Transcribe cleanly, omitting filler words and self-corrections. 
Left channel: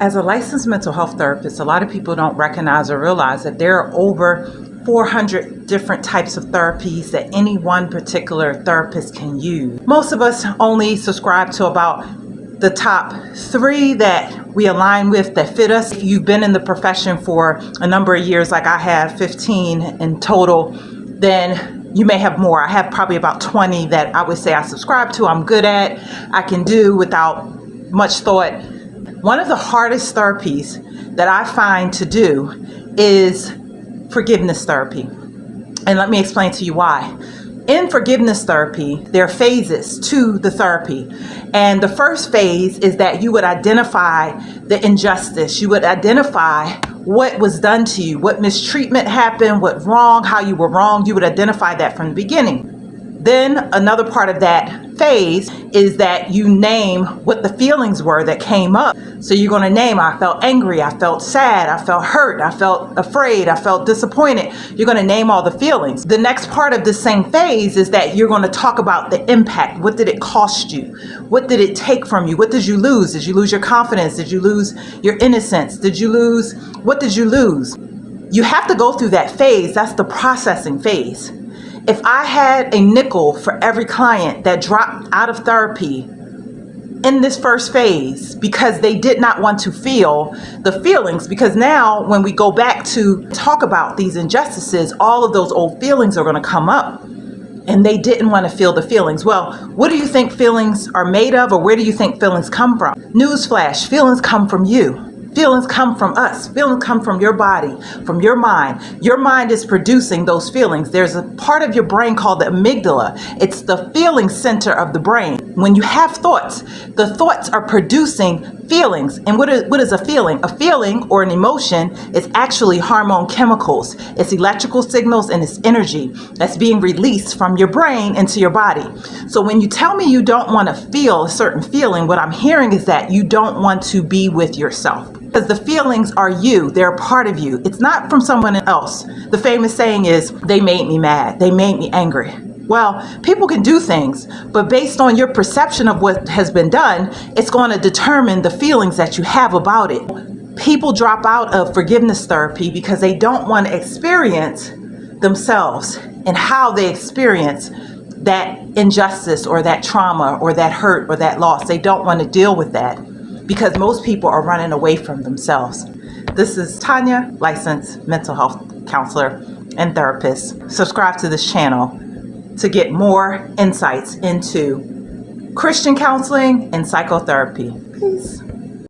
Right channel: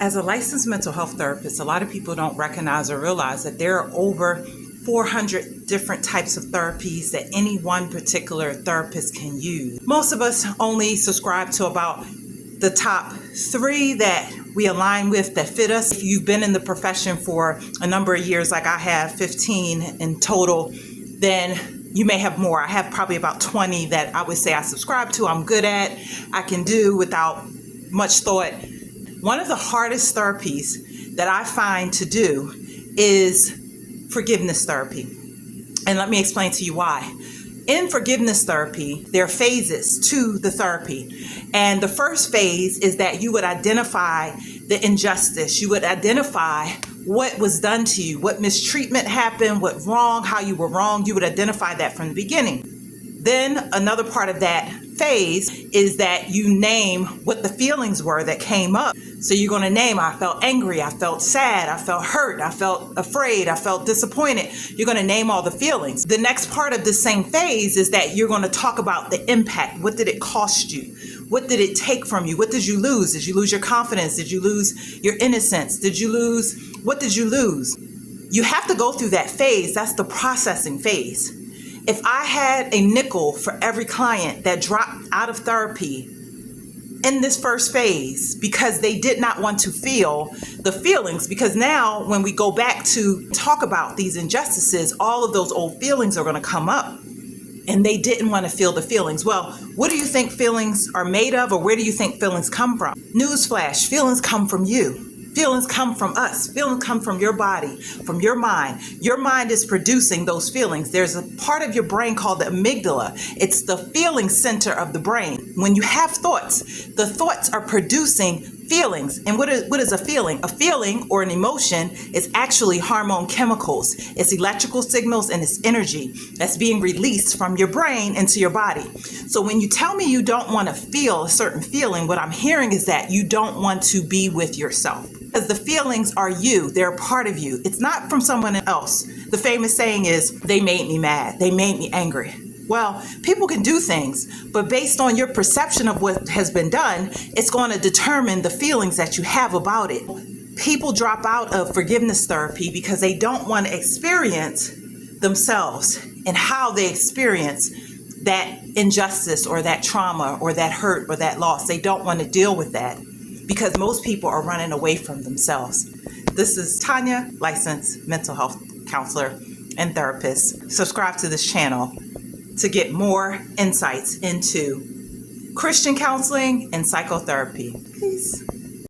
As a licensed mental health therapist, a lot of people don't recognize or realize that there are over 400 different types of therapies that any one particular therapist can use. Most of us only subscribe to about the top 3 that we align with, that fit us. If you've been in the profession for a number of years, like I have, 15 in total, then you may have more. I have probably about 20 that I would say I subscribe to, I'm good at, I can do without much thought. One of the hardest therapies that I find to do is forgiveness therapy. And let me explain to you why. In forgiveness therapy, there are phases to the therapy. And the first phase is that you would identify the injustice. You would identify what was done to you, what mistreatment happened, what wrong, how you were wrong. You would identify that from the beginning. Then another part of that phase is that you name what the feelings were that came up. So you're going to name, I felt angry, I felt sad, I felt hurt, I felt afraid, I felt disappointed. You're going to name all the feelings. The next part of the same phase is that you're going to talk about the impact. What did it cost you? What did it take from you? What did you lose? Did you lose your confidence? Did you lose your innocence? What did you lose? You have to go through that phase. That's the processing phase. If I had a nickel for every client that dropped out of therapy in this first phase because they did not want to feel the feelings, because now when we go back to talk about these injustices, all of those old feelings are going to come up, and they didn't want to feel the feelings. Well, what do you think feelings are made of, or where do you think feelings come from? Newsflash, feelings come from you. Feelings come from us. Feelings come from your body, from your mind. Your mind is producing those feelings. There's a part of your brain called the amygdala. It's the feeling center of the brain. When you have thoughts, the thoughts are producing feelings. And what is a feeling? A feeling or an emotion is actually hormone chemicals. It's electrical signals and it's energy that's being released from your brain into your body. So when you tell me you don't want to feel a certain feeling, what I'm hearing is that you don't want to be with yourself. Because the feelings are you. They're a part of you. It's not from someone else. The famous saying is, they made me mad. They made me angry. Well, people can do things, but based on your perception of what has been done, it's going to determine the feelings that you have about it. People drop out of forgiveness therapy because they don't want to experience themselves and how they experience that injustice or that trauma or that hurt or that loss. They don't want to deal with that, because most people are running away from themselves. This is Tanya, licensed mental health counselor and therapist. Subscribe to this channel to get more insights into Christian counseling and psychotherapy. Peace.